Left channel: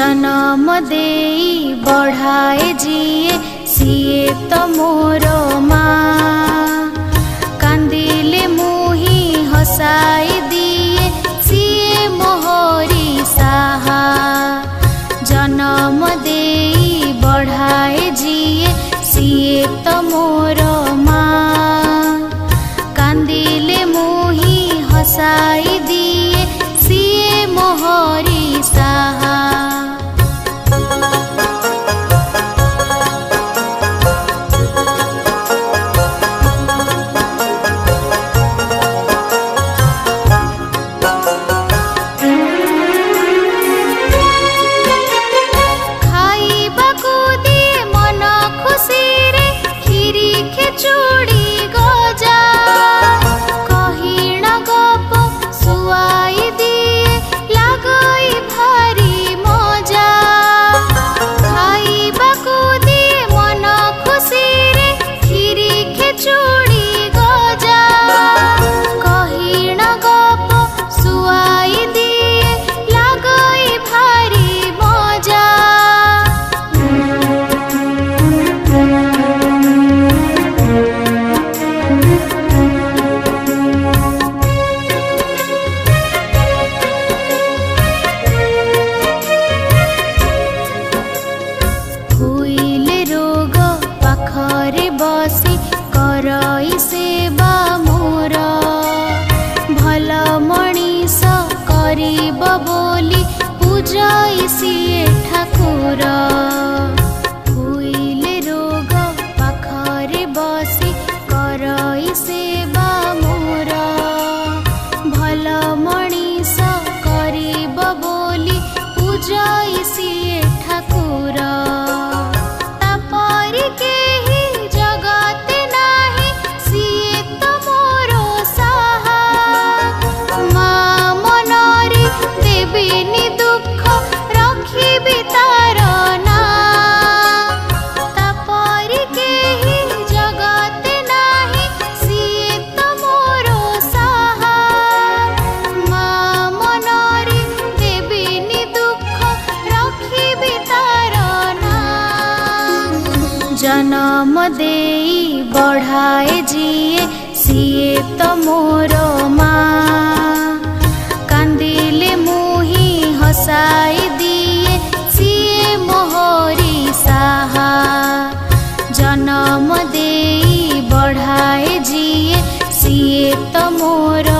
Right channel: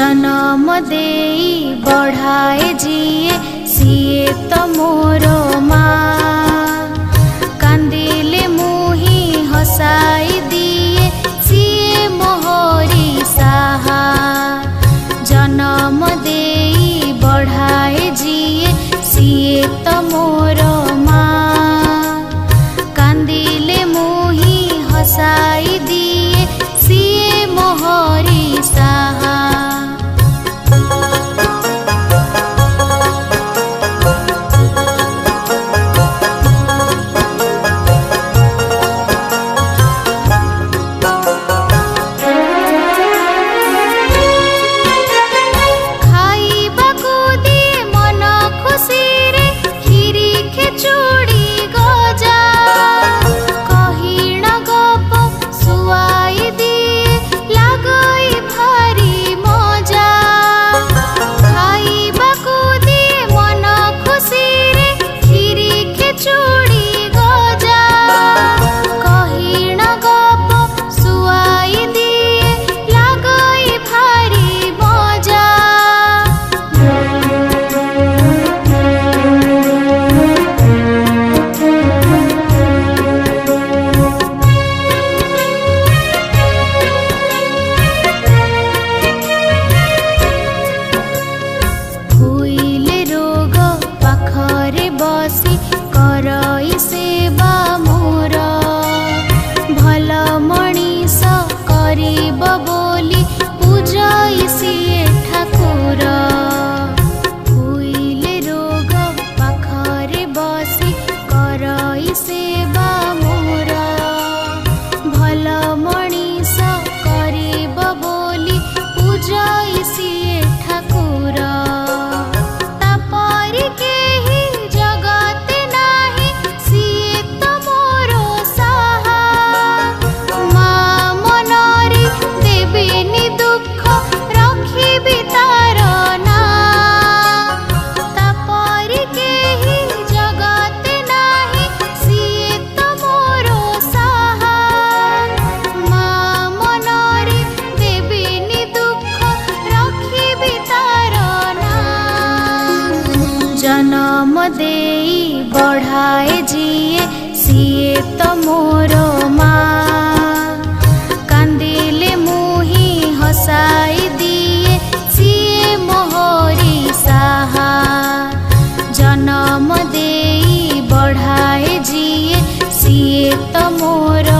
जन्म देई बढ़ाए जिए सिए तो मोर माँ। कांदिले मुही हसाई दिए सिए मोहरी साहा। जन्म देई बढ़ाए जिए सिए तो मोर माँ। कांदिले मुही हसाई दिए सिए मोहरी साहा। खाइबाकु दिए मन खुशी रे खीरी खेचुड़ी गजा। कहिण गप सुआई दिए लागई भारी मजा। खाइबाकु दिए मन खुशी रे खीरी खेचुड़ी गजा। कहिण गप सुआई दिए लागई भारी मजा। हुइले रोग पाखरे बसी करई सेवा मोर। भल मणिष करिब बोली पूजई सिए ठाकुर। हुइले रोग पाखरे बसी करई सेवा मोर। भल मणिष करिब बोली पूजई सिए ठाकुर। तापरि केही जगते नाही सिए तो मोर साहा। माँ मनरी देबिनी दुख रखिबि तार ना। तापरि केही जगते नाही सिए तो मोर साहा। माँ मनरी देबिनी दुख रखिबि तार ना। जन्म देई बढ़ाए जिए सिए तो मोर माँ। कांदिले मुही हसाई दिए सिए मोहरी साहा। जन्म देई बढ़ाए जिए सिए तो मोर